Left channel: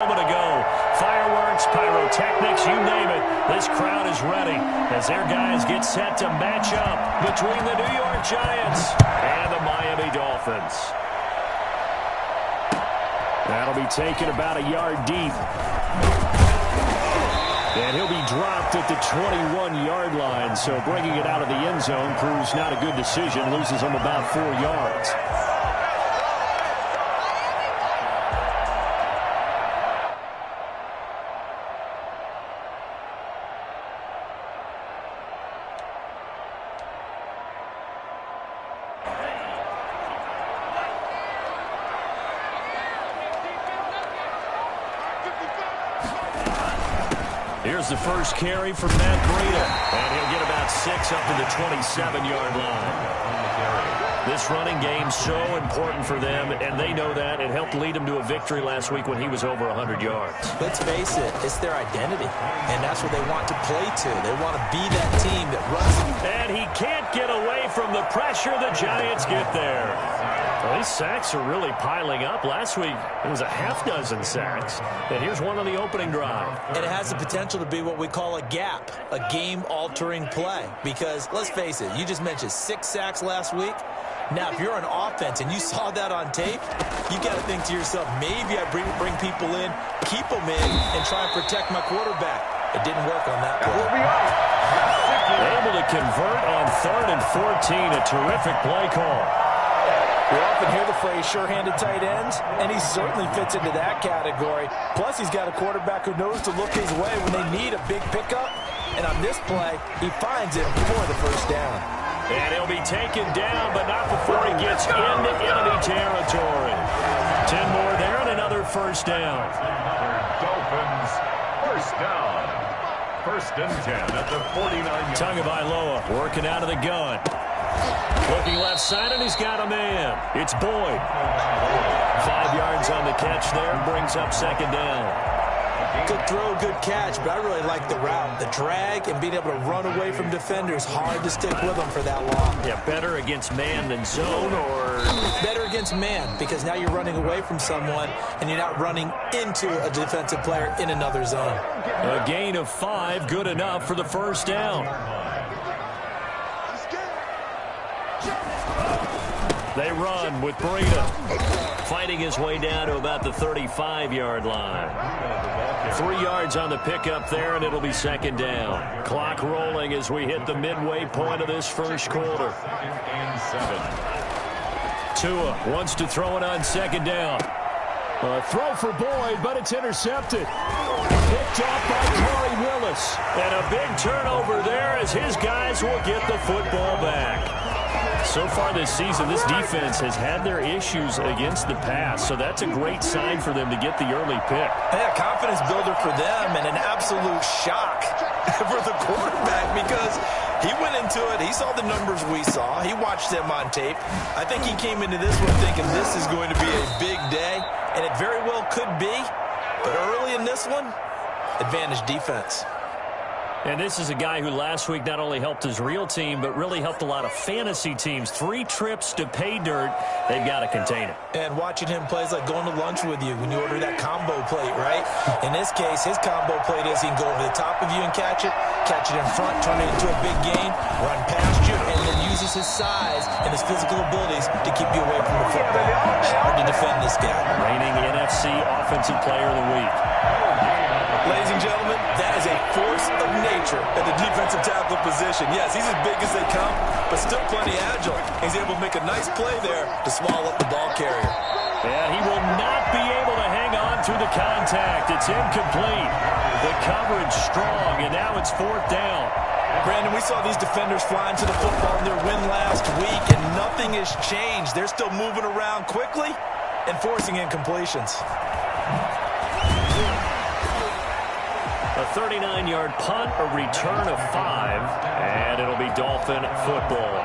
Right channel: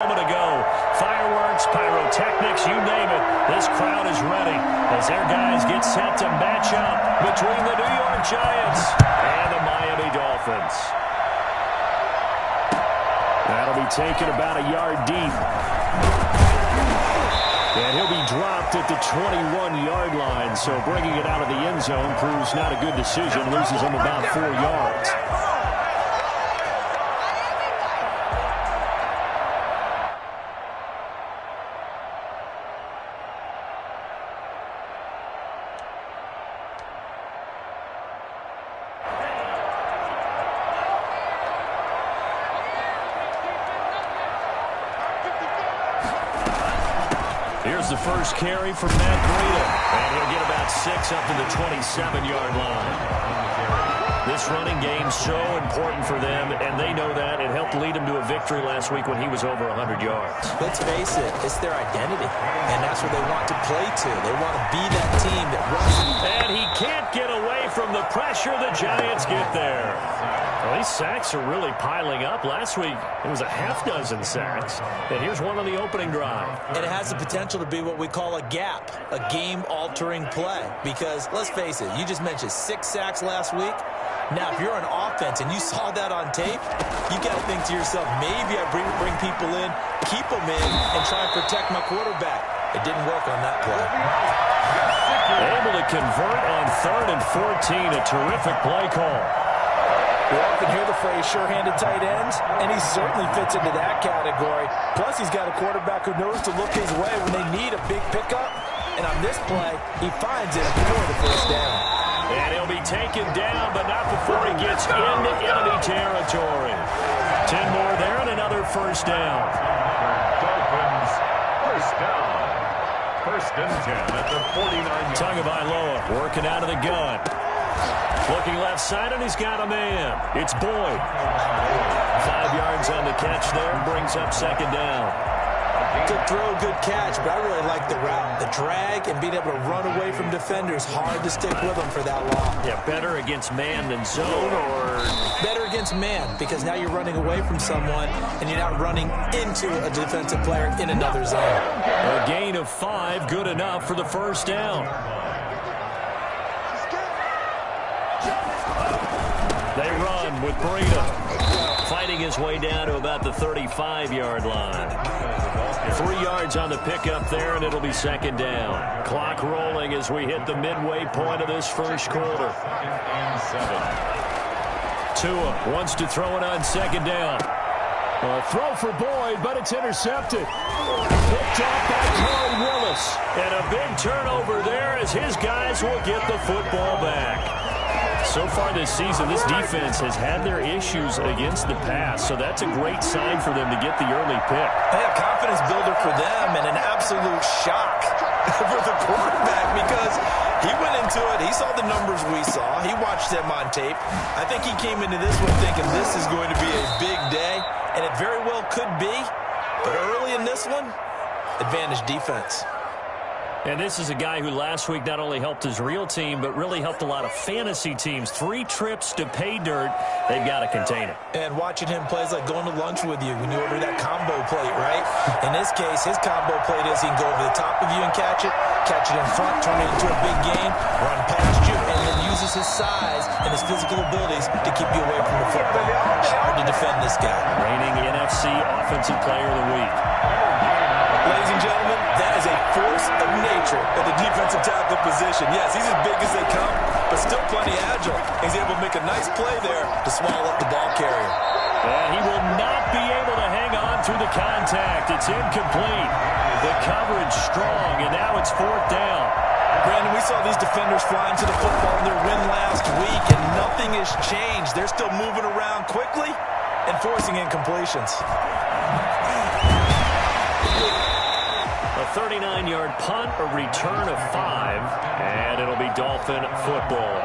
Moment ago, fireworks, pyrotechnics, you name it. This crowd is ready as their guys get set to match up between the New York Giants and the Miami Dolphins. That'll be taken about a yard deep. And he'll be dropped at the 21-yard line, so bringing it out of the end zone proves not a good decision, loses him about 4 yards. Here's the first carry from Matt Breida, and he'll get about 6 up to the 27-yard line. This running game so important for them, and they know that. It helped lead them to a victory last week when he was over 100 yards. Let's face it, it's their identity, and that's what they want to play to. They want to be that team that runs. And he can't get away from the pressure. The Giants get there. Well, these sacks are really piling up. Last week, it was a half-dozen sacks. And here's one on the opening drive. And it has the potential to be what we call a gap, a game-altering play. Because, let's face it, you just mentioned 6 sacks last week. Now, if you're an offense and you saw that on tape, you got to think to yourself, maybe I bring people in, keep them in, and try and protect my quarterback. It didn't work on that play. Able to convert on 3rd and 14. A terrific play call. We often hear the phrase sure-handed tight ends, and he certainly fits into that category. Plus, he's got a quarterback who knows to look his way when they need a big pickup. And on this play, he finds it for the first down. And he'll be taken down, but not before he gets into enemy territory. 10 more there and another first down. Dolphins, first down. 1st and 10 at the 49-yard. Tagovailoa working out of the gun. Looking left side, and he's got a man. It's Boyd. 5 yards on the catch there, brings up 2nd down. Good throw, good catch, but I really like the route. The drag and being able to run away from defenders, hard to stick with them for that long. Yeah, better against man than zone, or? Better against man, because now you're running away from someone, and you're not running into a defensive player in another zone. A gain of 5, good enough for the first down. They run with Breida, fighting his way down to about the 35-yard line. 3 yards on the pickup there, and it'll be 2nd down. Clock rolling as we hit the midway point of this first quarter. Tua wants to throw it on 2nd down. A throw for Boyd, but it's intercepted. Picked off by Corey Willis. And a big turnover there as his guys will get the football back. So far this season, this defense has had their issues against the pass, so that's a great sign for them to get the early pick. Yeah, confidence builder for them and an absolute shock for the quarterback because he went into it. He saw the numbers we saw. He watched them on tape. I think he came into this one thinking this is going to be a big day, and it very well could be. But early in this one, advantage defense. And this is a guy who last week not only helped his real team, but really helped a lot of fantasy teams. 3 trips to pay dirt. They've got to contain it. And watching him play is like going to lunch with you when you order that combo plate, right? In this case, his combo plate is he can go over the top of you and catch it in front, turn it into a big gain, run past you, and then uses his size and his physical abilities to keep you away from the football. Hard to defend this guy. Reigning NFC Offensive Player of the Week. Ladies and gentlemen, that is a force of nature at the defensive tackle position. Yes, he's as big as they come, but still plenty agile. He's able to make a nice play there to swallow up the ball carrier. And he will not be able to hang on through the contact. It's incomplete. The coverage strong, and now it's 4th down. Brandon, we saw these defenders flying to the football in their win last week, and nothing has changed. They're still moving around quickly and forcing incompletions. A 39-yard punt, a return of 5, and it'll be Dolphin football.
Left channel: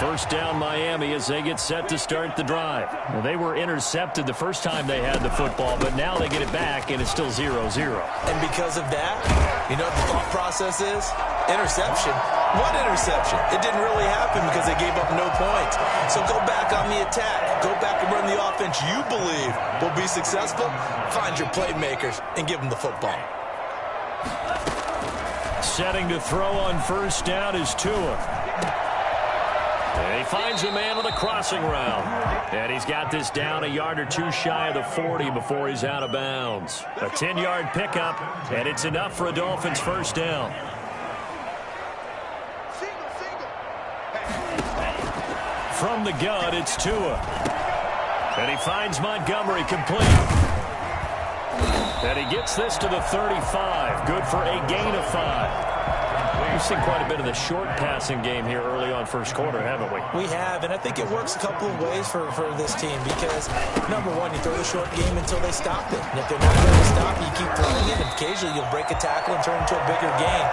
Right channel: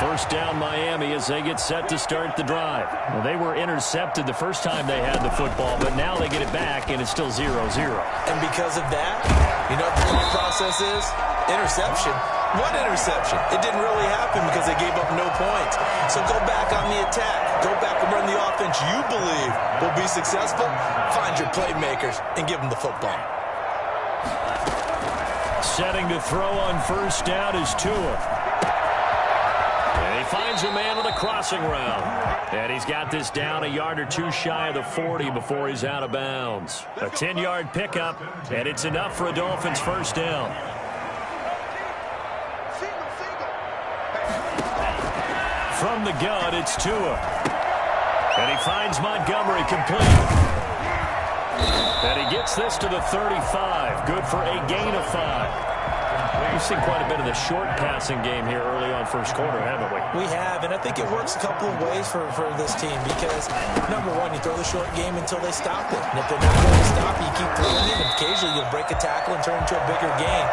First down Miami as they get set to start the drive. Now, they were intercepted the first time they had the football, but now they get it back, and it's still 0-0. And because of that, you know what the thought process is? Interception. One interception. It didn't really happen because they gave up no points. So go back on the attack. Go back and run the offense you believe will be successful. Find your playmakers and give them the football. Setting to throw on first down is Tua. And he finds a man on the crossing route. And he's got this down a yard or two shy of the 40 before he's out of bounds. A 10-yard pickup, and it's enough for a Dolphins first down. From the gun, it's Tua. And he finds Montgomery complete. And he gets this to the 35. Good for a gain of 5. We've seen quite a bit of the short passing game here early on first quarter, haven't we? We have, and I think it works a couple of ways for this team because, number one, you throw the short game until they stop it. And if they're not going to stop it, you keep throwing it, and occasionally you'll break a tackle and turn it into a bigger gain.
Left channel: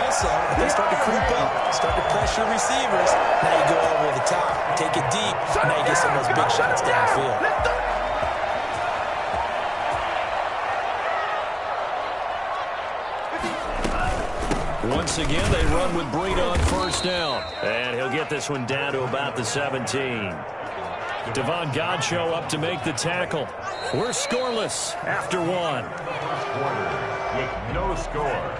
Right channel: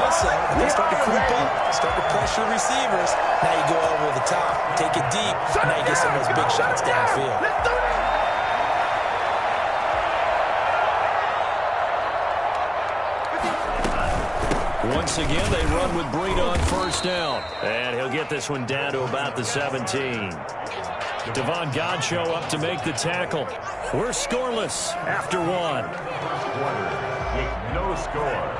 Also, if they start to creep up, start to pressure receivers, now you go over the top, take it deep, and now you get some of those big shots downfield. Once again, they run with Breida on first down. And he'll get this one down to about the 17. Devon Godchaux up to make the tackle. We're scoreless after one. Quarter with no score.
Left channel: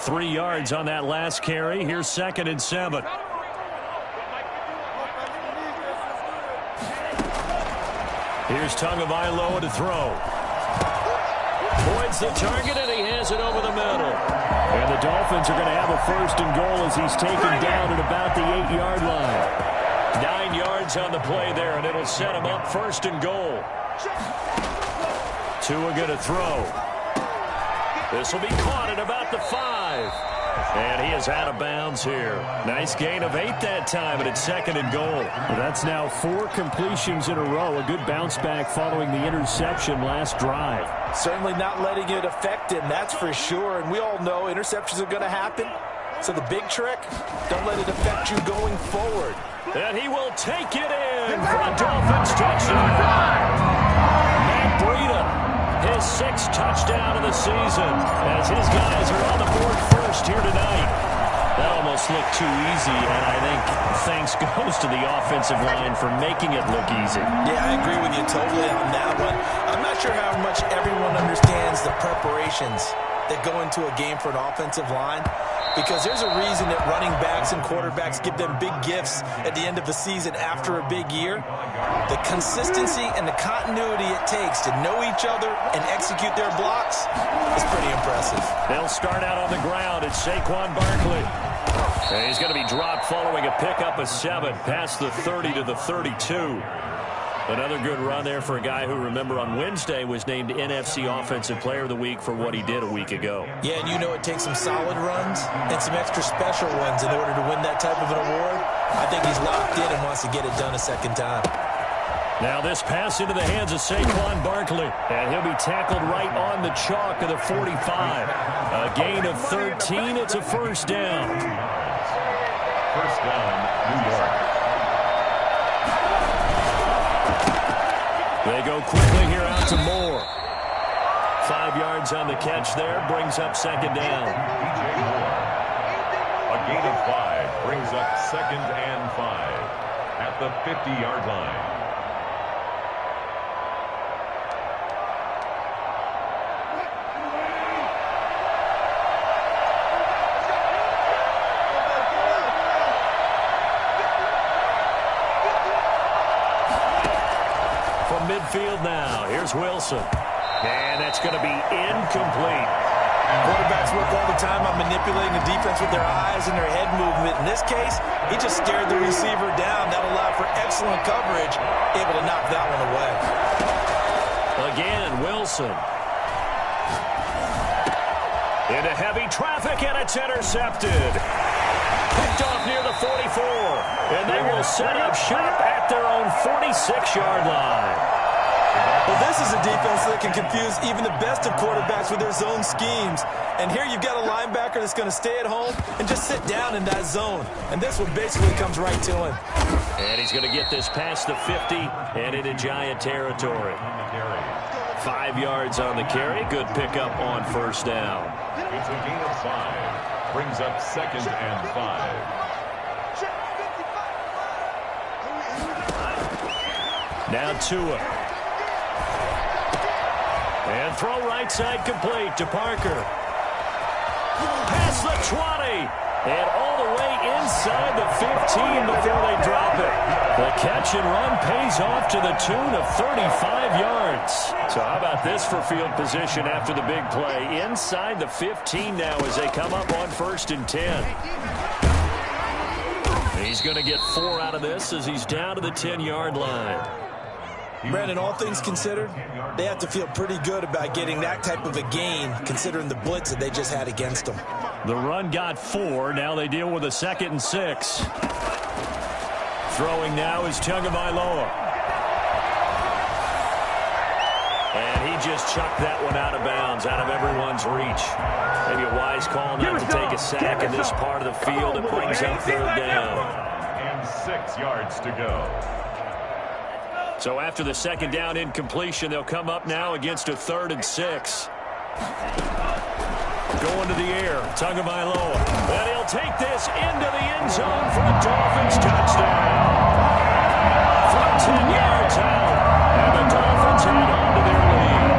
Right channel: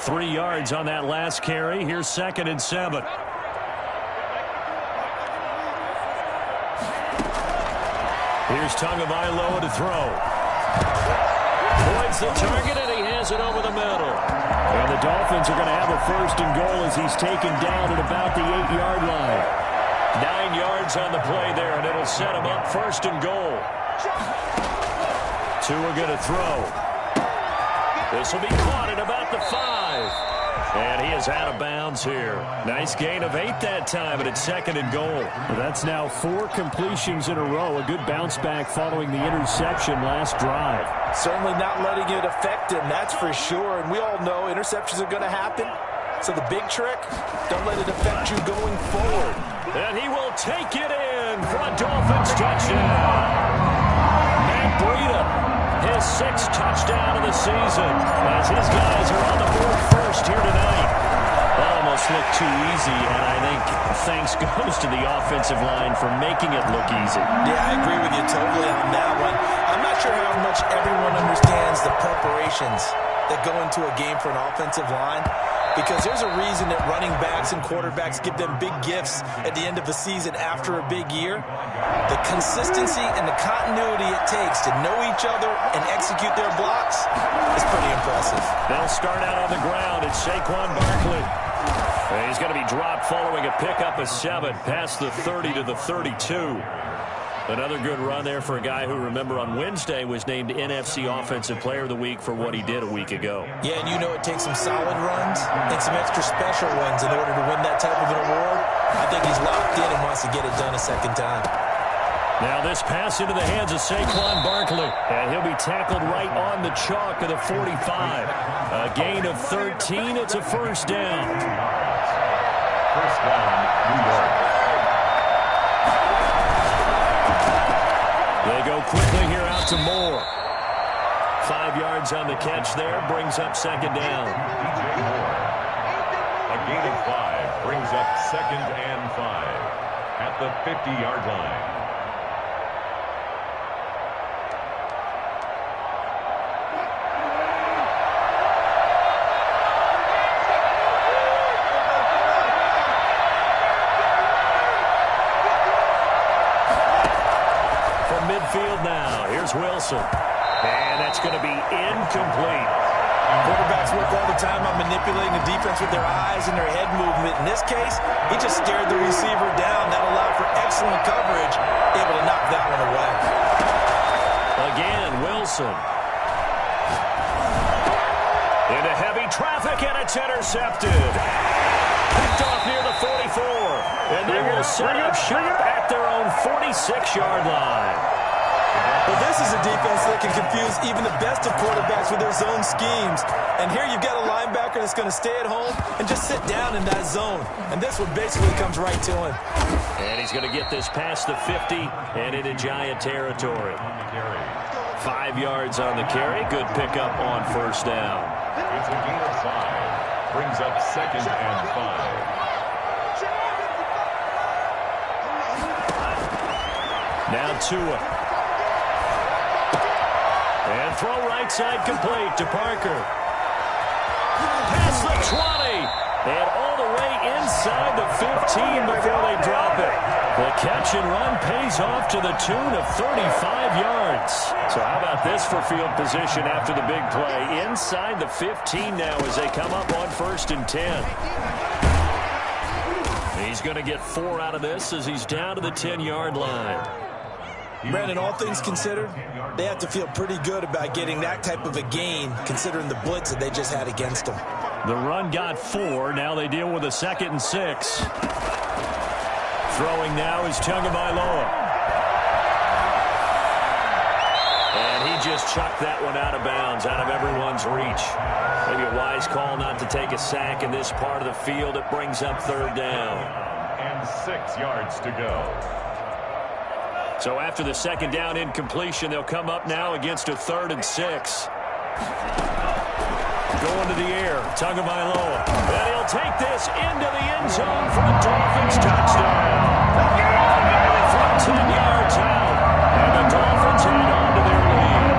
3 yards on that last carry. Here's 2nd and 7. Here's Tagovailoa to throw. Points the target, and he has it over the middle. And the Dolphins are going to have a 1st and goal as he's taken down at about the 8-yard line. 9 yards on the play there, and it'll set him up 1st and goal. Tua going to throw. This will be caught at about the 5. And he is out of bounds here. Nice gain of 8 that time, and it's 2nd and goal. Well, that's now 4 completions in a row. A good bounce back following the interception last drive. Certainly not letting it affect him, that's for sure. And we all know interceptions are going to happen. So the big trick, don't let it affect you going forward. And he will take it in for a Dolphins touchdown. Matt Breida, his 6th touchdown of the season, as his guys are on the board first here tonight. That almost looked too easy, and I think thanks goes to the offensive line for making it look easy. Yeah, I agree with you totally on that one. I'm not sure how much everyone understands the preparations that go into a game for an offensive line, because there's a reason that running backs and quarterbacks give them big gifts at the end of the season after a big year. The consistency and the continuity it takes to know each other and execute their blocks is pretty impressive. They'll start out on the ground. It's Saquon Barkley. And he's going to be dropped following a pickup of 7 past the 30 to the 32. Another good run there for a guy who, remember, on Wednesday was named NFC Offensive Player of the Week for what he did a week ago. Yeah, and you know it takes some solid runs and some extra special ones in order to win that type of an award. I think he's locked in and wants to get it done a second time. Now this pass into the hands of Saquon Barkley, and he'll be tackled right on the chalk of the 45. A gain of 13. It's a 1st down. First down, New York. They go quickly here out to Moore. 5 yards on the catch there, brings up 2nd down. DJ Moore. A gain of 5 brings up 2nd and 5 at the 50-yard line. Midfield now. Here's Wilson. And that's going to be incomplete. Quarterbacks work all the time on manipulating the defense with their eyes and their head movement. In this case, he just stared the receiver down. That allowed for excellent coverage, able to knock that one away. Again, Wilson. Into heavy traffic, and it's intercepted. Picked off near the 44. And they will set up shop at their own 46-yard line. Well, this is a defense that can confuse even the best of quarterbacks with their zone schemes. And here you've got a linebacker that's going to stay at home and just sit down in that zone. And this one basically comes right to him. And he's going to get this past the 50 and into Giant territory. 5 yards on the carry. Good pickup on 1st down. It's a gain of 5. brings up 2nd and 5. Now Tua. And throw right side complete to Parker. Past the 20. And all the way inside the 15 before they drop it. The catch and run pays off to the tune of 35 yards. So how about this for field position after the big play? Inside the 15 now as they come up on 1st and 10. He's going to get 4 out of this as he's down to the 10-yard line. Brandon, all things considered, they have to feel pretty good about getting that type of a gain considering the blitz that they just had against them. The run got 4. Now they deal with a 2nd and 6. Throwing now is Tagovailoa. And he just chucked that one out of bounds, out of everyone's reach. Maybe a wise call not to take a sack in this part of the field. It brings up 3rd down. And 6 yards to go. So after the 2nd down incompletion, they'll come up now against a 3rd and 6. Going to the air, Tagovailoa. And he'll take this into the end zone for a Dolphins touchdown. From 10 yards out, and the Dolphins head on to their lead.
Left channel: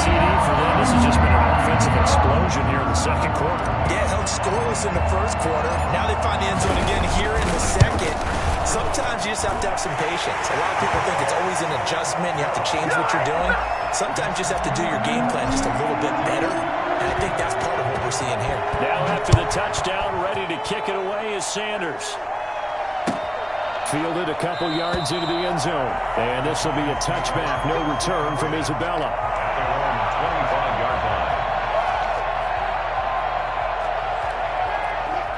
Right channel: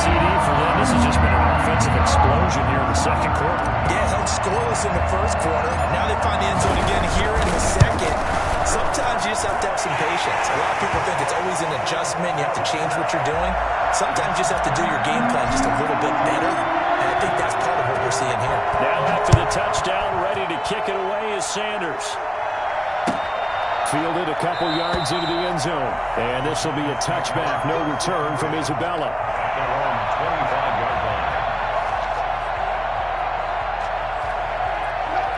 CD for them, this has just been an offensive explosion here in the 2nd quarter. Yeah, held scoreless in the 1st quarter. Now they find the end zone again here in the 2nd. Sometimes you just have to have some patience. A lot of people think it's always an adjustment. You have to change what you're doing. Sometimes you just have to do your game plan just a little bit better. And I think that's part of what we're seeing here. Now after the touchdown, ready to kick it away is Sanders. Fielded a couple yards into the end zone. And this will be a touchback. No return from Isabella. At their own 25-yard line.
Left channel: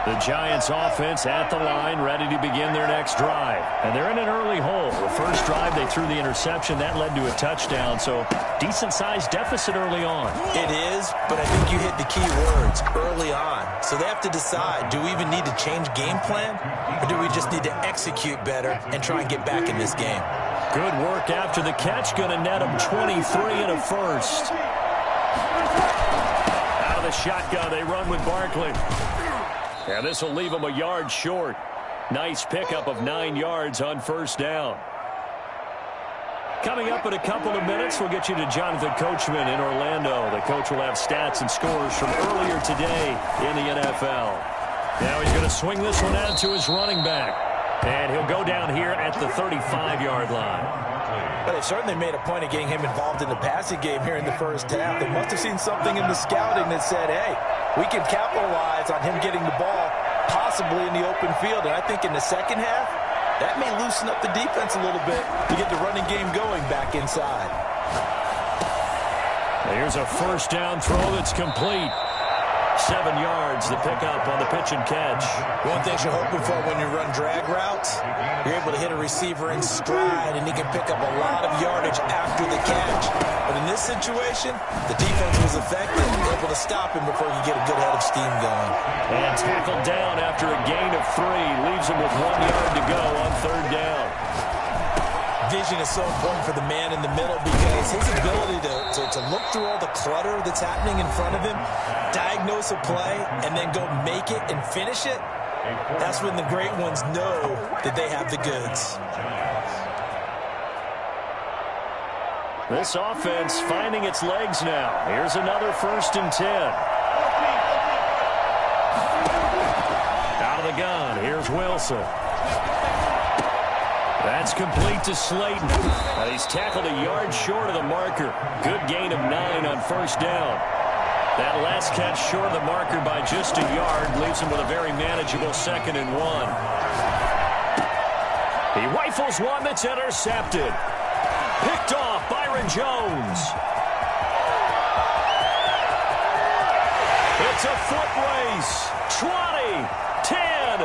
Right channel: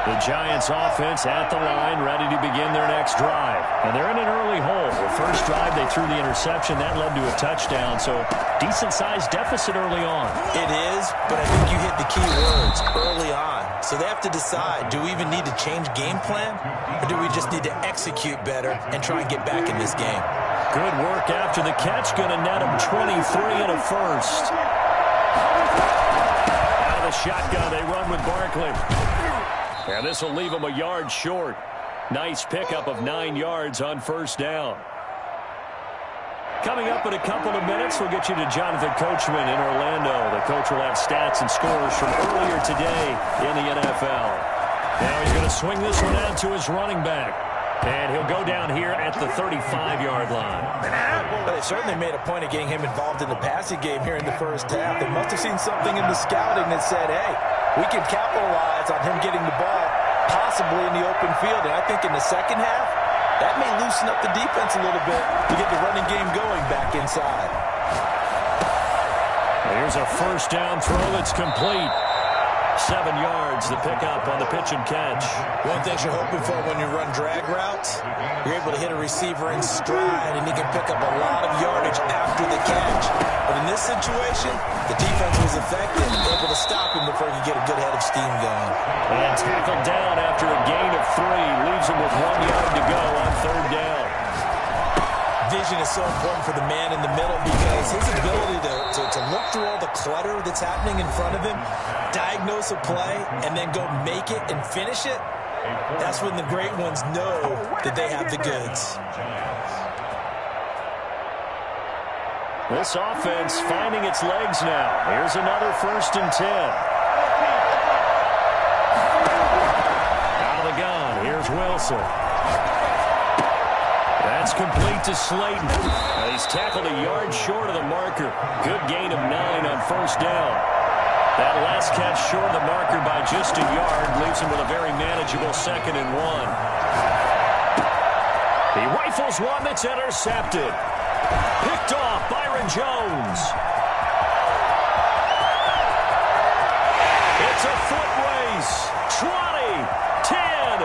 The Giants offense at the line, ready to begin their next drive. And they're in an early hole. The first drive, they threw the interception. That led to a touchdown, so decent-sized deficit early on. It is, but I think you hit the key words, early on. So they have to decide, do we even need to change game plan, or do we just need to execute better and try and get back in this game? Good work after the catch. Going to net them 23 and a first. Out of the shotgun, they run with Barkley. And this will leave them a yard short. Nice pickup of 9 yards on 1st down. Coming up in a couple of minutes, we'll get you to Jonathan Coachman in Orlando. The coach will have stats and scores from earlier today in the NFL. Now he's going to swing this one out to his running back. And he'll go down here at the 35-yard line. But they certainly made a point of getting him involved in the passing game here in the 1st half. They must have seen something in the scouting that said, hey, we can capitalize on him getting the ball possibly in the open field. And I think in the 2nd half, that may loosen up the defense a little bit to get the running game going back inside. Here's a 1st down throw that's complete. 7 yards, the pickup on the pitch and catch. One thing you're hoping for when you run drag routes, you're able to hit a receiver in stride, and he can pick up a lot of yardage after the catch. But in this situation, the defense was effective, able to stop him before he could get a good head of steam going. And tackled down after a gain of 3. Leaves him with 1 yard to go on 3rd down. Vision is so important for the man in the middle because his ability to look through all the clutter that's happening in front of him, diagnose a play, and then go make it and finish it, that's when the great ones know that they have the goods. This offense finding its legs now. Here's another 1st and 10. Out of the gun, here's Wilson. That's complete to Slayton. He's tackled a yard short of the marker. Good gain of 9 on 1st down. That last catch short of the marker by just a yard leaves him with a very manageable 2nd and 1. He rifles one that's intercepted. Picked off Byron Jones. It's a foot race. 20, 10.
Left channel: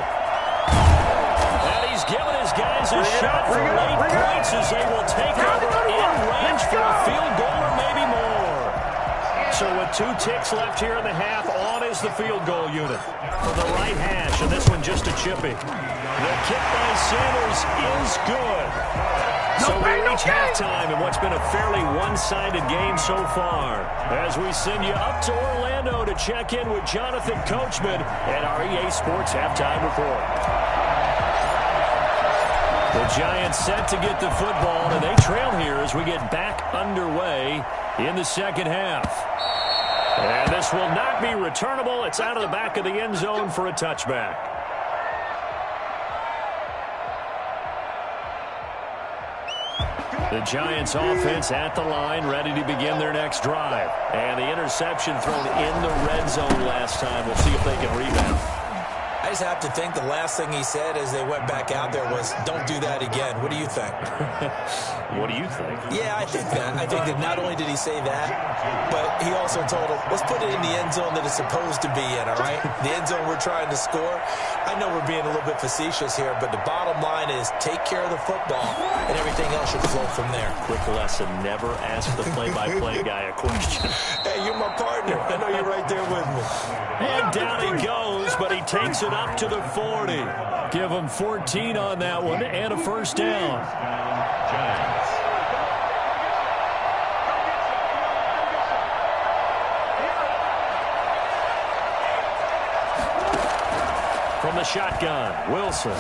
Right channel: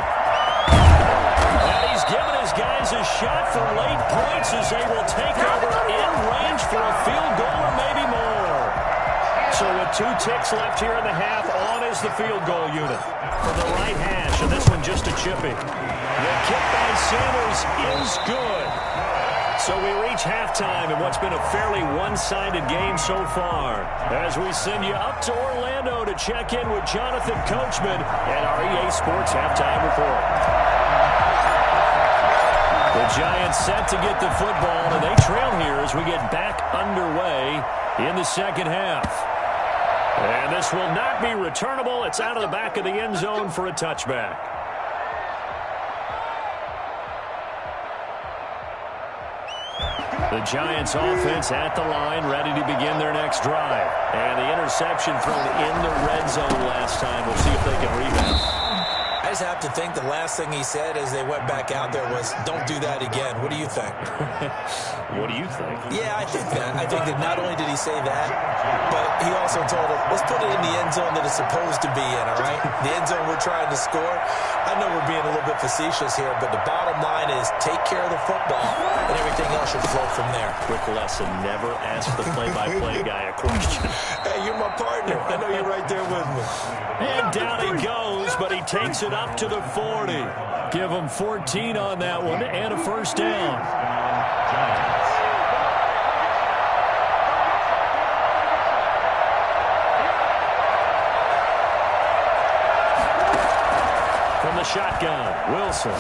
And he's given his guys a shot for late points as they will take over in range for a field goal or maybe more. So with 2 ticks left here in the half, on is the field goal unit from the right hash, and this one just a chippy. The kick by Sanders is good. So we reach halftime in what's been a fairly one-sided game so far. As we send you up to Orlando to check in with Jonathan Coachman and our EA Sports Halftime Report. The Giants set to get the football, and they trail here as we get back underway in the second half. And this will not be returnable. It's out of the back of the end zone for a touchback. The Giants offense at the line, ready to begin their next drive. And the interception thrown in the red zone last time. We'll see if they can rebound. I just have to think the last thing he said as they went back out there was, don't do that again. What do you think? What do you think? Yeah, I think that. I think that not only did he say that, but he also told him, let's put it in the end zone that it's supposed to be in, all right? The end zone we're trying to score. I know we're being a little bit facetious here, but the bottom line is take care of the football, and everything else should flow from there. Quick lesson, never ask the play-by-play guy a question. Hey, you're my partner. I know you're right there with me. And down he goes, but he takes it up to the 40. Give him 14 on that one and a first down. Giants. From the shotgun, Wilson.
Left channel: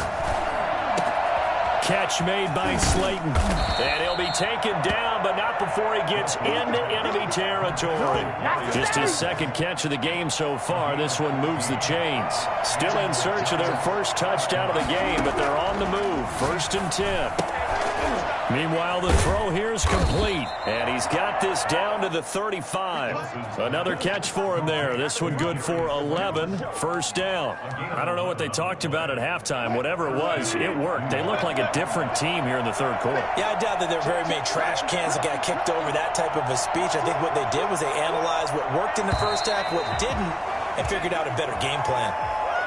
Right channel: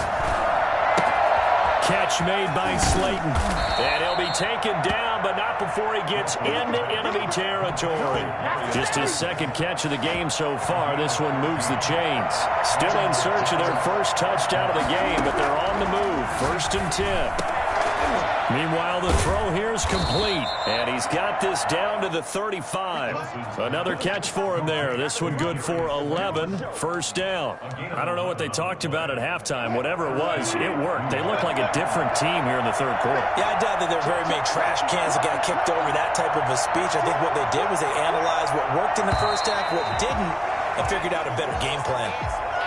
Catch made by Slayton. And he'll be taken down, but not before he gets into enemy territory. Just his second catch of the game so far. This one moves the chains. Still in search of their first touchdown of the game, but they're on the move. 1st and 10. Meanwhile, the throw here is complete, and he's got this down to the 35. Another catch for him there. This one good for 11, first down. I don't know what they talked about at halftime. Whatever it was, it worked. They look like a different team here in the third quarter. Yeah, I doubt that there are very many trash cans that got kicked over, that type of a speech. I think what they did was they analyzed what worked in the first half, what didn't, and figured out a better game plan.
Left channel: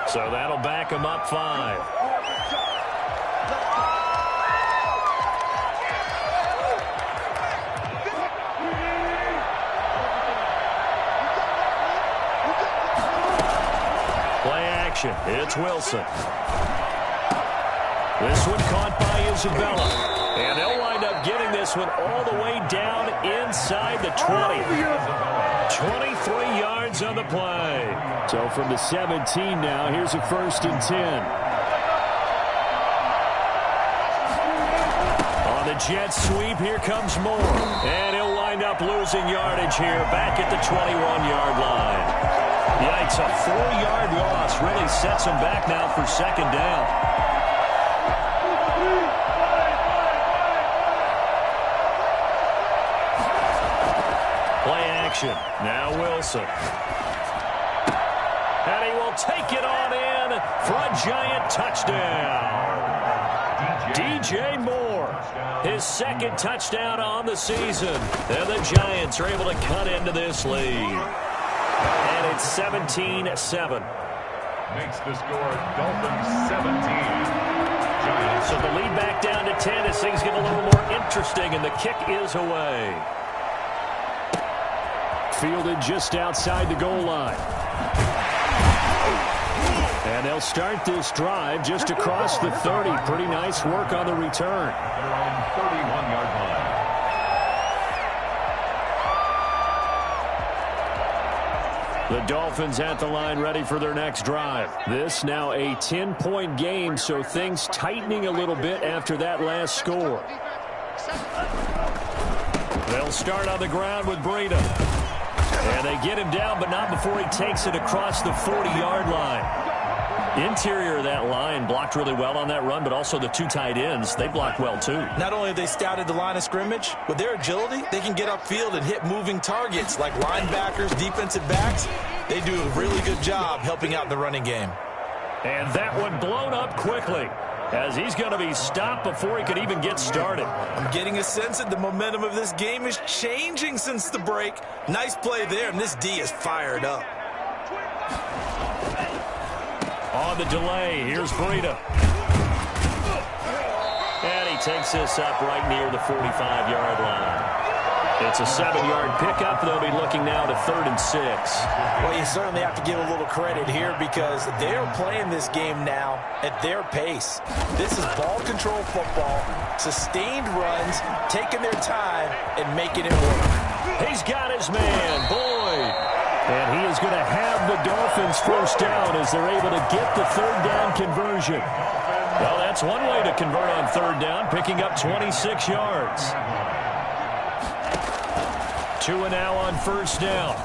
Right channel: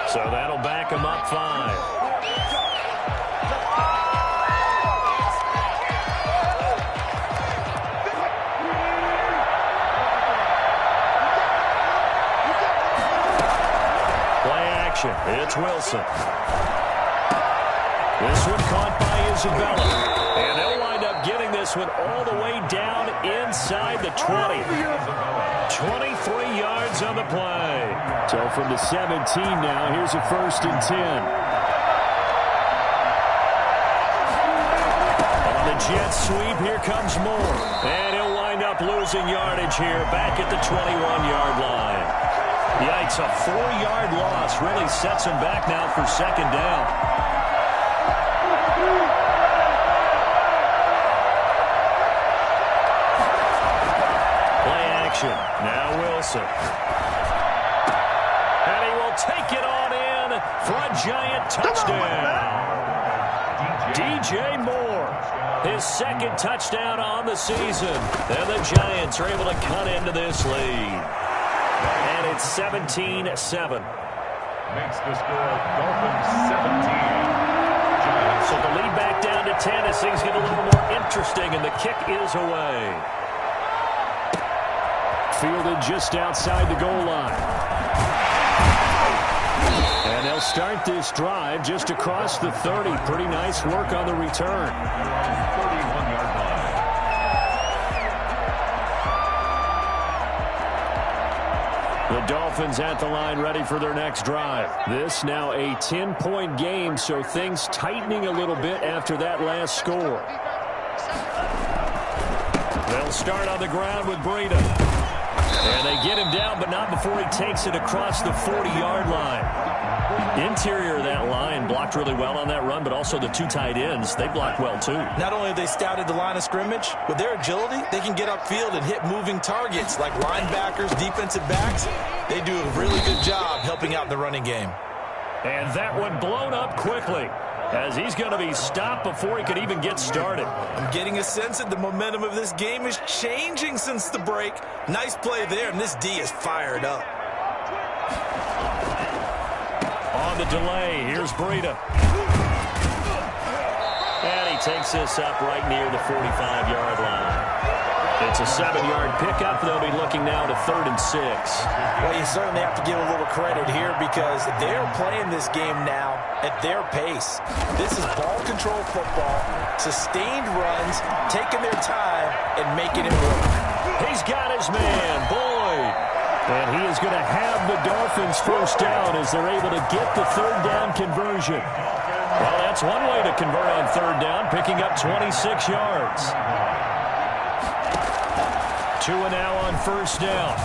So that'll back them up 5. It's Wilson. This one caught by Isabella. And they'll wind up getting this one all the way down inside the 20. 23 yards on the play. So from the 17 now, here's a 1st and 10. On the jet sweep, here comes Moore. And he'll wind up losing yardage here back at the 21-yard line. Yikes, a 4-yard loss really sets him back now for second down. Play action. Now Wilson. And he will take it on in for a Giant touchdown. DJ Moore, his second touchdown on the season. And the Giants are able to cut into this lead. And it's 17-7. Makes the score Dolphins 17. Giants. So the lead back down to 10 as things get a little more interesting, and the kick is away. Fielded just outside the goal line. And they'll start this drive just across the 30. Pretty nice work on the return. They're on 31-yard line. The Dolphins at the line ready for their next drive. This now a 10-point game, so things tightening a little bit after that last score. They'll start on the ground with Breida. And they get him down, but not before he takes it across the 40-yard line. Interior of that line blocked really well on that run, but also the 2 tight ends, they blocked well too. Not only have they scouted the line of scrimmage, with their agility, they can get upfield and hit moving targets like linebackers, defensive backs. They do a really good job helping out the running game. And that one blown up quickly, as he's going to be stopped before he could even get started. I'm getting a sense that the momentum of this game is changing since the break. Nice play there, and this D is fired up. On the delay, here's Breida. And he takes this up right near the 45-yard line. It's a 7-yard pickup. They'll be looking now to 3rd and 6. Well, you certainly have to give a little credit here because they're playing this game now at their pace. This is ball control football, sustained runs, taking their time, and making it work. He's got his man, Boyd. And he is going to have the Dolphins first down as they're able to get the 3rd down conversion. Well, that's one way to convert on 3rd down, picking up 26 yards. Tua now on 1st down.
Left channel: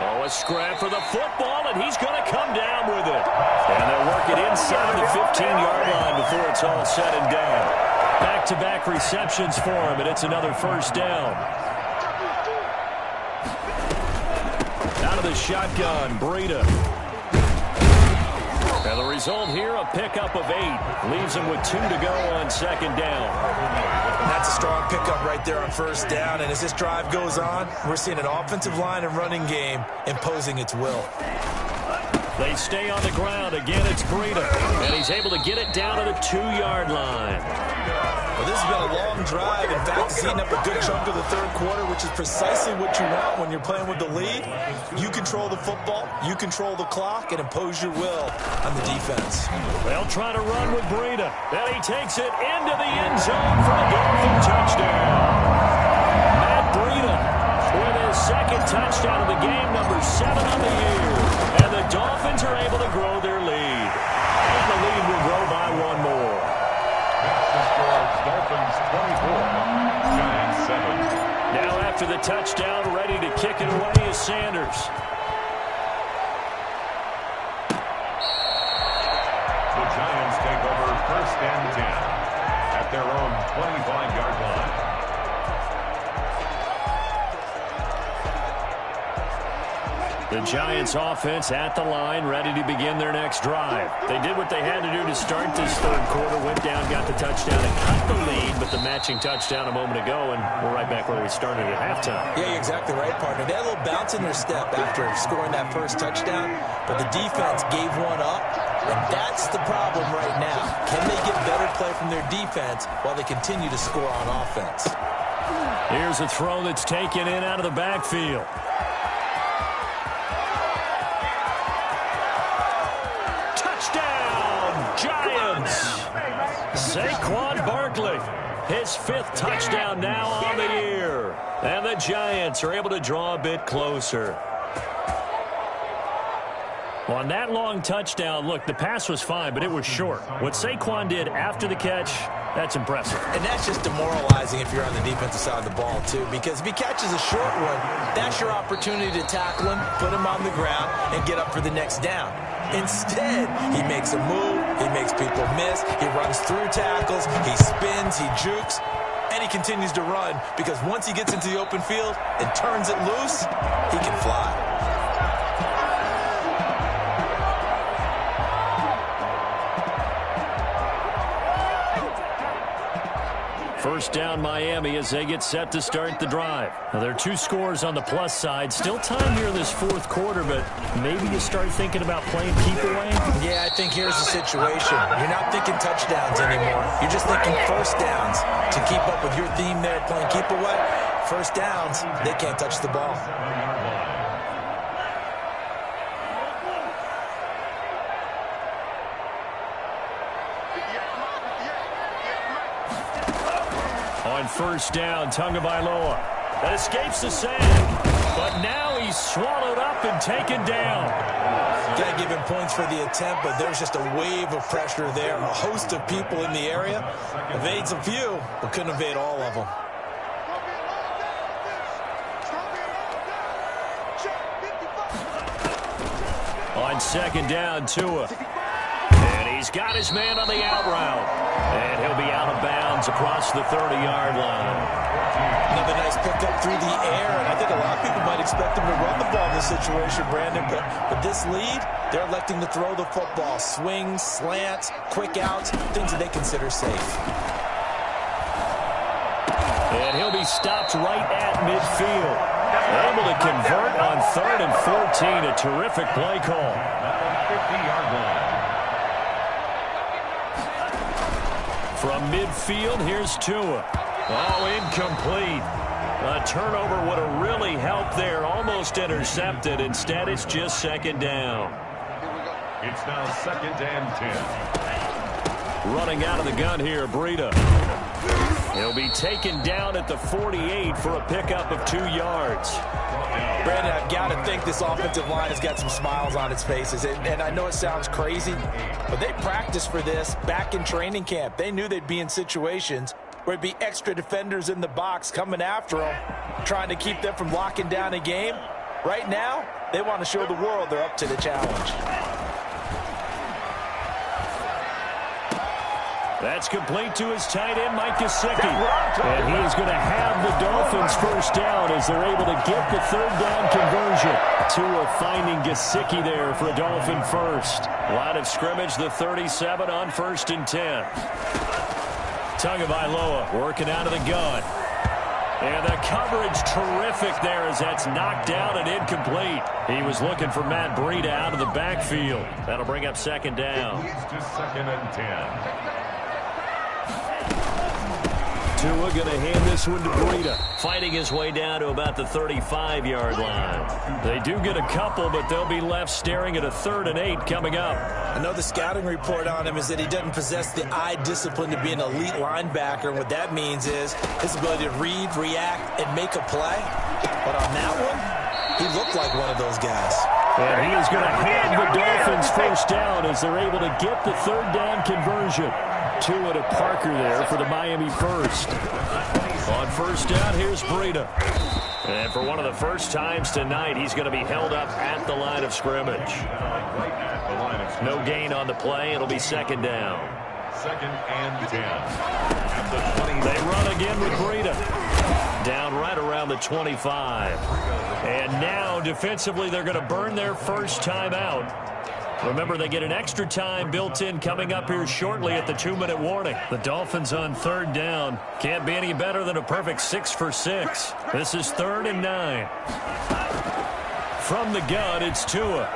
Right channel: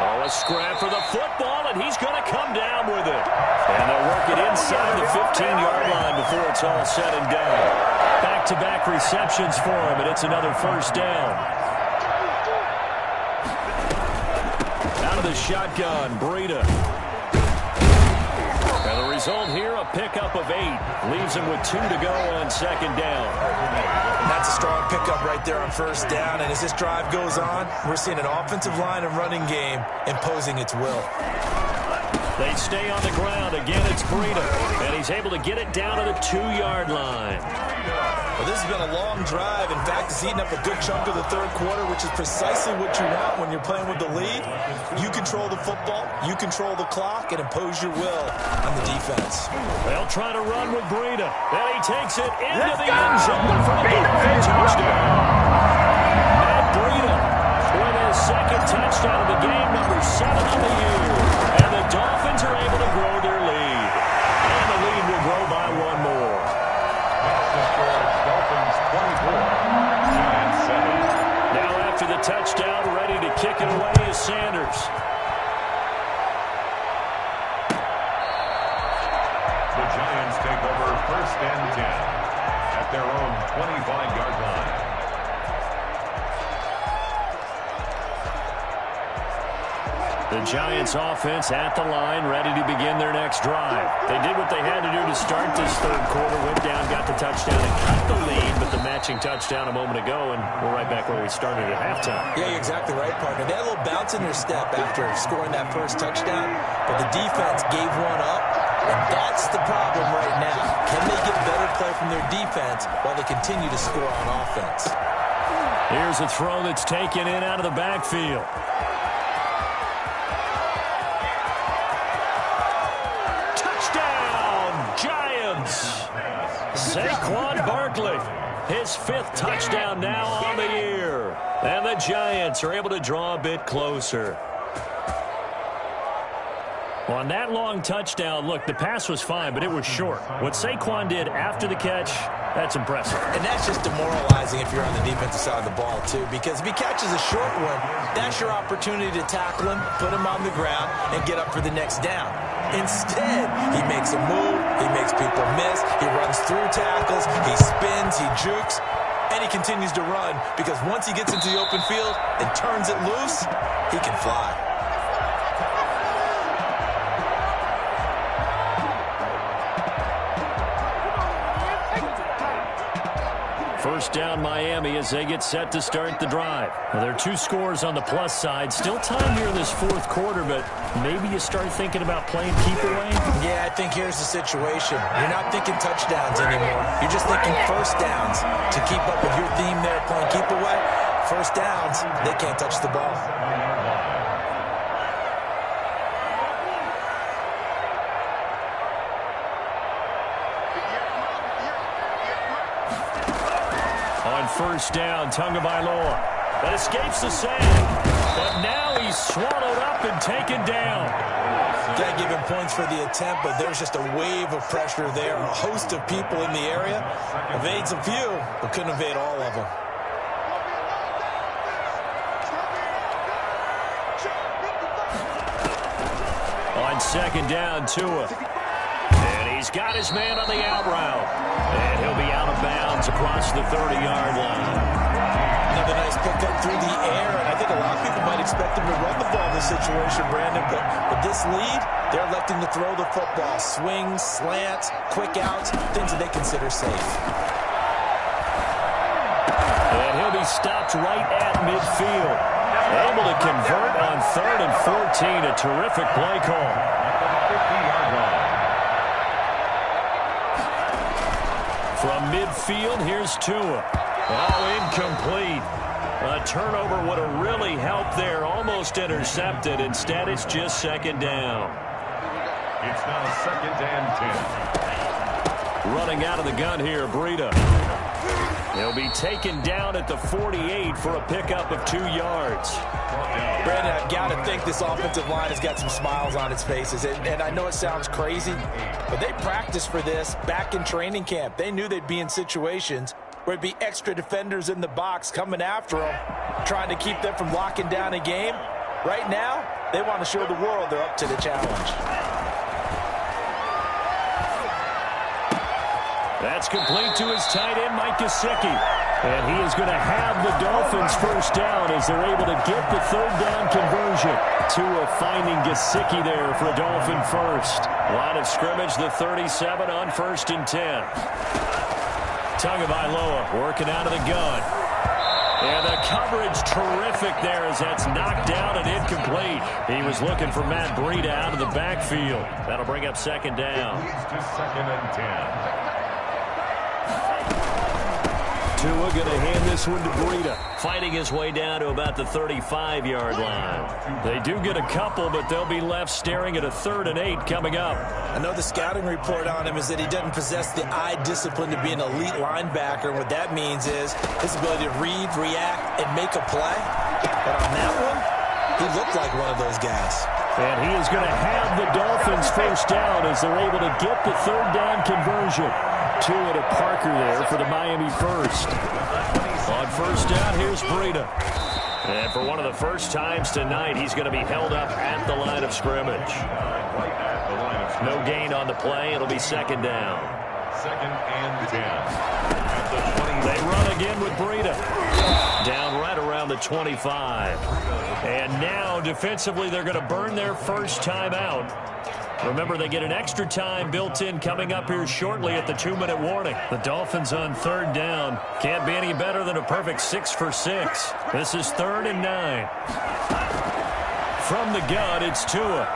Oh, a scrap for the football, and he's going to come down with it. And they'll work it inside the 15-yard line before it's all said and done. Back-to-back receptions for him, and it's another 1st down. Out of the shotgun, Breida. And the result here, a pickup of 8. Leaves him with 2 to go on 2nd down. That's a strong pickup right there on 1st down. And as this drive goes on, we're seeing an offensive line and running game imposing its will. They stay on the ground. Again, it's Breida. And he's able to get it down to the 2-yard line. Well, this has been a long drive. In fact, it's eaten up a good chunk of the 3rd quarter, which is precisely what you want when you're playing with the lead. You control the football, you control the clock, and impose your will on the defense. They'll try to run with Breida. And he takes it into the end zone for the Dolphin touchdown. Matt Breida with his 2nd touchdown of the game, number 7 on the year. And the Dolphins are able to grow their lead. And the lead will grow by 1 more. Dolphins 24, Giants 7. Now after the touchdown, ready to kick it away is Sanders. The Giants take over 1st and 10 at their own 25-yard line. The Giants offense at the line, ready to begin their next drive. They did what they had to do to start this 3rd quarter, went down, got the touchdown, and cut the lead, but the matching touchdown a moment ago, and we're right back where we started at halftime. Yeah, you're exactly right, partner. They had a little bounce in their step after scoring that 1st touchdown, but the defense gave one up, and that's the problem right now. Can they get better play from their defense while they continue to score on offense? Here's a throw that's taken in out of the backfield. Giants. Saquon Barkley, his 5th touchdown now on the year. And the Giants are able to draw a bit closer. On that long touchdown, look, the pass was fine, but it was short. What Saquon did after the catch, that's impressive. And that's just demoralizing if you're on the defensive side of the ball, too, because if he catches a short one, that's your opportunity to tackle him, put him on the ground, and get up for the next down. Instead, he makes a move, he makes people miss, he runs through tackles, he spins, he jukes, and he continues to run because once he gets into the open field and turns it loose, he can fly. First down Miami as they get set to start the drive. Now, there are 2 scores on the plus side. Still time here in this 4th quarter, but maybe you start thinking about playing keep away? Yeah, I think here's the situation. You're not thinking touchdowns anymore. You're just thinking 1st downs. To keep up with your theme there, playing keep away, 1st downs, they can't touch the ball. On 1st down, Tagovailoa. That escapes the sack. But now he's swallowed up and taken down. Got to give him points for the attempt, but there's just a wave of pressure there. A host of people in the area. Evades a few, but couldn't evade all of them. On 2nd down, Tua. And he's got his man on the out route. And he'll be out of bounds across the 30-yard line. Another nice pickup through the air, and I think a lot of people might expect him to run the ball in this situation, Brandon, but this lead, they're electing to throw the football. Swings, slants, quick outs, things that they consider safe. And he'll be stopped right at midfield. Able to convert on 3rd and 14, a terrific play call. At the 50-yard line. From midfield, here's Tua. Oh, incomplete. A turnover would have really helped there. Almost intercepted. Instead, it's just second down. It's now 2nd and 10. Running out of the gun here, Breida. He'll be taken down at the 48 for a pickup of 2 yards. Brandon, I've got to think this offensive line has got some smiles on its faces. And I know it sounds crazy, but they practiced for this back in training camp. They knew they'd be in situations where it'd be extra defenders in the box coming after them, trying to keep them from locking down a game. Right now, they want to show the world they're up to the challenge. That's complete to his tight end, Mike Gesicki. And he is going to have the Dolphins first down as they're able to get the third down conversion. Tua finding Gesicki there for a Dolphin first. Line of scrimmage, the 37 on 1st and 10. Tagovailoa working out of the gun. And the coverage terrific there as that's knocked down and incomplete. He was looking for Matt Breida out of the backfield. That'll bring up second down. Leads to 2nd and 10. Tua going to hand this one to Breida, fighting his way down to about the 35-yard line. They do get a couple, but they'll be left staring at a 3rd and 8 coming up. I know the scouting report on him is that he doesn't possess the eye discipline to be an elite linebacker, and what that means is his ability to read, react, and make a play. But on that one, he looked like one of those guys. And he is going to have the Dolphins first down as they're able to get the third down conversion. Tua to Parker there for the Miami first. On first down, here's Breida. And for one of the first times tonight, he's going to be held up at the line of scrimmage. No gain on the play. It'll be second down. 2nd and 10. At the 20. They run again with Breida. Down right around the 25. And now, defensively, they're going to burn their first time out. Remember, they get an extra time built in coming up here shortly at the 2-minute warning. The Dolphins on third down. Can't be any better than a perfect 6 for 6. This is 3rd and 9. From the gun, it's Tua.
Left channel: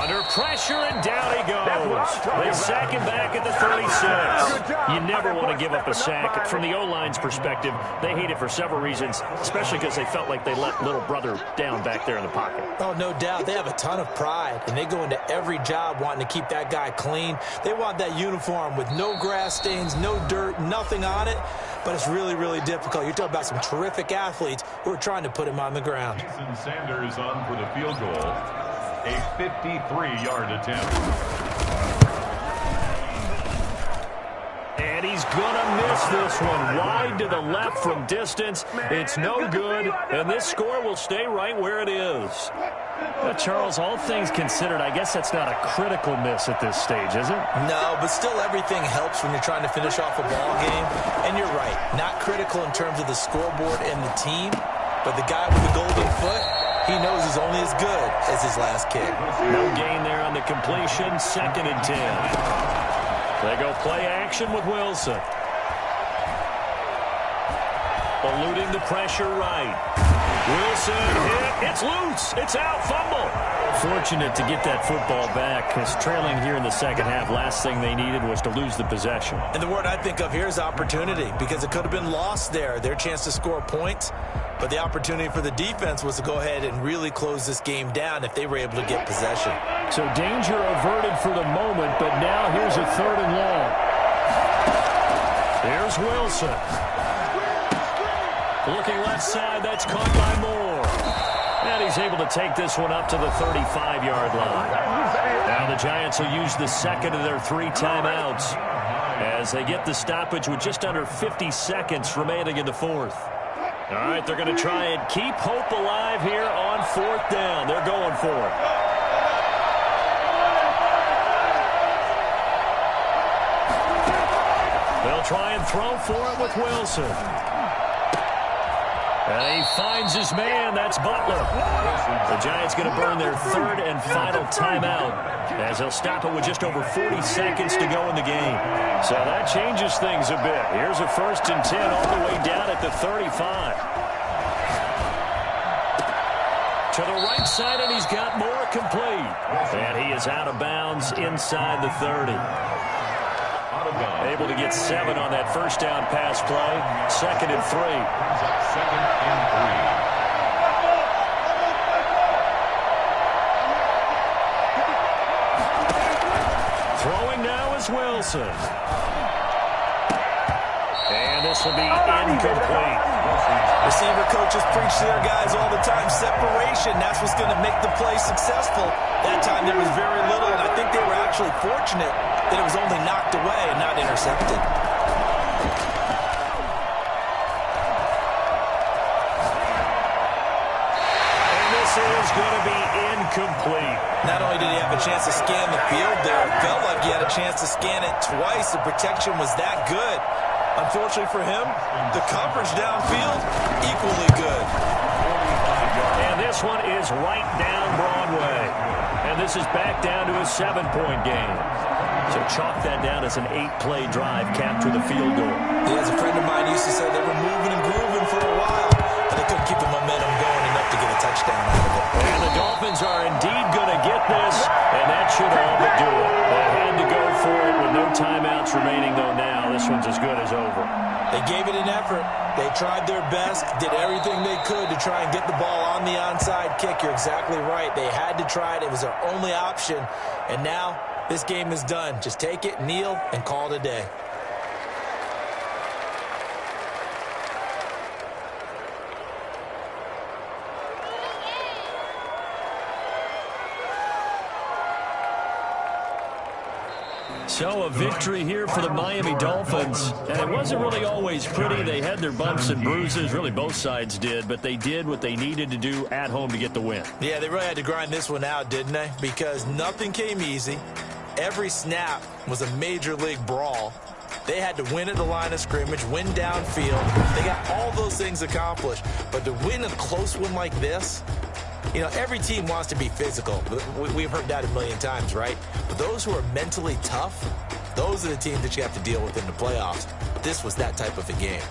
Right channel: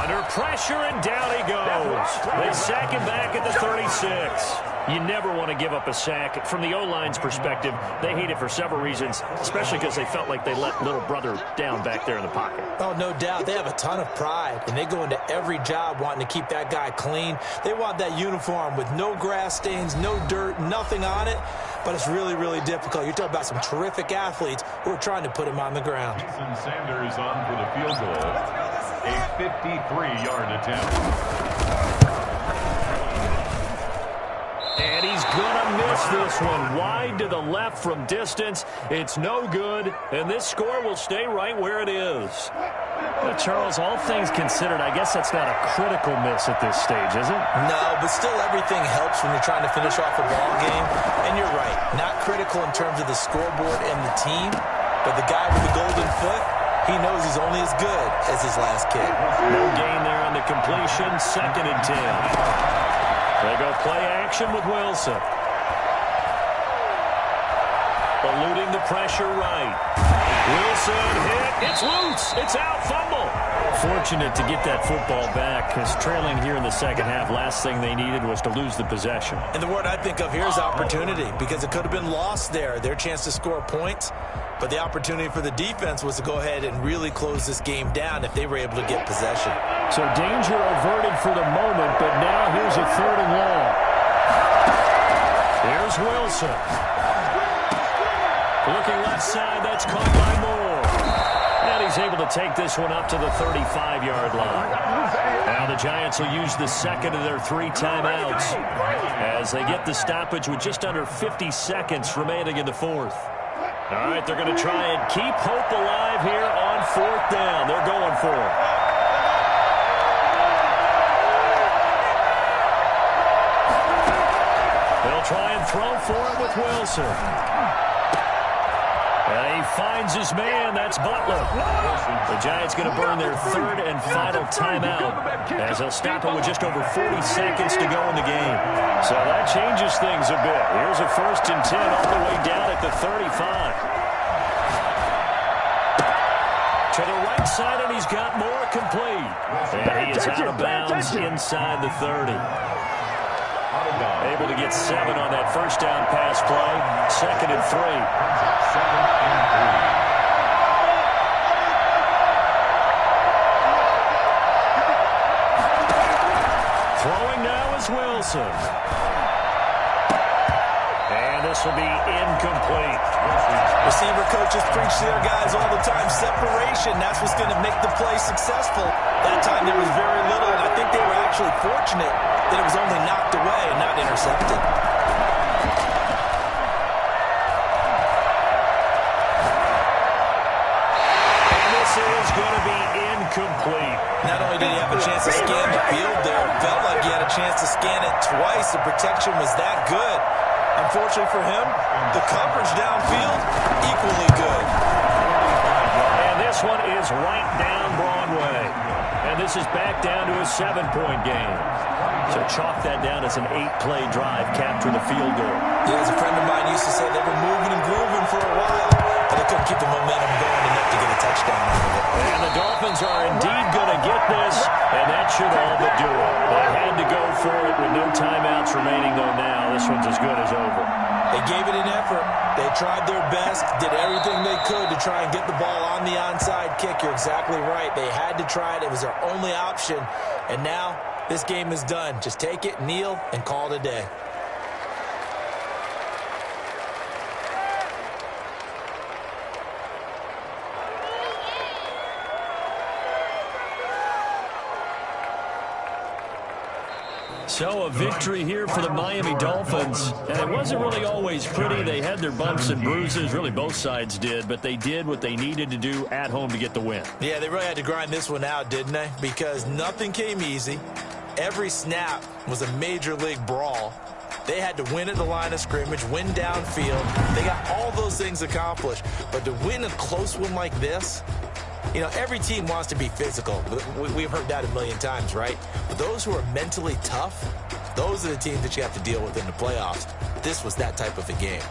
Under pressure, and down he goes. They sack him back at the 36. You never want to give up a sack. From the O-line's perspective, they hate it for several reasons, especially because they felt like they let little brother down back there in the pocket. Oh, no doubt. They have a ton of pride, and they go into every job wanting to keep that guy clean. They want that uniform with no grass stains, no dirt, nothing on it, but it's really, really difficult. You're talking about some terrific athletes who are trying to put him on the ground. Jason Sanders on for the field goal. A 53-yard attempt. And he's going to miss this one. Wide to the left from distance. It's no good, and this score will stay right where it is. But Charles, all things considered, I guess that's not a critical miss at this stage, is it? No, but still everything helps when you're trying to finish off a ball game. And you're right, not critical in terms of the scoreboard and the team, but the guy with the golden foot, he knows he's only as good as his last kick. No gain there on the completion. 2nd and 10. They go play action with Wilson. Eluding the pressure right. Wilson hit. It's loose. It's out. Fumble. Fortunate to get that football back because trailing here in the second half, last thing they needed was to lose the possession. And the word I think of here is opportunity because it could have been lost there. Their chance to score points. But the opportunity for the defense was to go ahead and really close this game down if they were able to get possession. So danger averted for the moment, but now here's a 3rd and long. Here's Wilson. Looking left side, that's caught by Moore. And he's able to take this one up to the 35-yard line. Now the Giants will use the second of their 3 timeouts as they get the stoppage with just under 50 seconds remaining in the 4th. All right, they're going to try and keep hope alive here on 4th down. They're going for it. They'll try and throw for it with Wilson. And he finds his man. That's Butler. The Giants going to burn their 3rd and final timeout as they'll stop it with just over 40 seconds to go in the game. So that changes things a bit. Here's a 1st and 10 all the way down at the 35. To the right side, and he's got Moore complete. And he is out of bounds inside the 30. Out of bounds. Able to get 7 on that first down pass play. 2nd and 3. 2nd and 3. Throwing now is Wilson. And this will be incomplete. Receiver coaches preach to their guys all the time. Separation, that's what's going to make the play successful. That time there was very little, and I think they were actually fortunate that it was only knocked away and not intercepted. And this is going to be incomplete. Not only did he have a chance to scan the field there, it felt like he had a chance to scan it twice. The protection was that good. Unfortunately for him, the coverage downfield, equally good. And this one is right down Broadway. And this is back down to a 7-point game. So chalk that down as an 8-play drive capped with a field goal. Yeah, as a friend of mine used to say, they were moving and grooving for a while, but they couldn't keep the momentum going enough to get a touchdown out of it. And the Dolphins are indeed going to get this, and that should all but do it. They had to go for it with no timeouts remaining, though now this one's as good as over. They gave it an effort. They tried their best, did everything they could to try and get the ball on the onside kick. You're exactly right. They had to try it. It was their only option. And now this game is done. Just take it, kneel, and call it a day. So a victory here for the Miami Dolphins. And it wasn't really always pretty. They had their bumps and bruises. Really, both sides did. But they did what they needed to do at home to get the win. Yeah, they really had to grind this one out, didn't they? Because nothing came easy. Every snap was a major league brawl. They had to win at the line of scrimmage, win downfield. They got all those things accomplished. But to win a close one like this, you know, every team wants to be physical. We've heard that a million times, right? But those who are mentally tough, those are the teams that you have to deal with in the playoffs. This was that type of a game.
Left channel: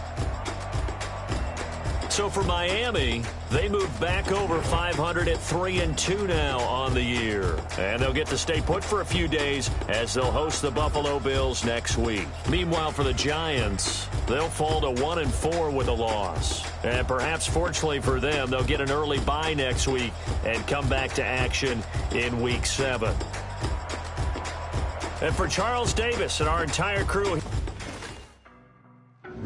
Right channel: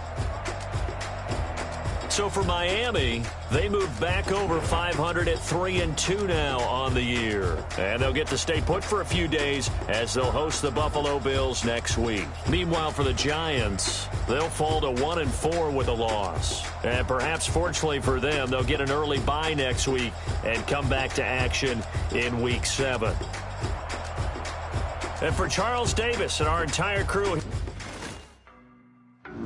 So for Miami, they move back over 500 at 3-2 now on the year. And they'll get to stay put for a few days as they'll host the Buffalo Bills next week. Meanwhile, for the Giants, they'll fall to 1-4 with a loss. And perhaps fortunately for them, they'll get an early bye next week and come back to action in Week 7. And for Charles Davis and our entire crew,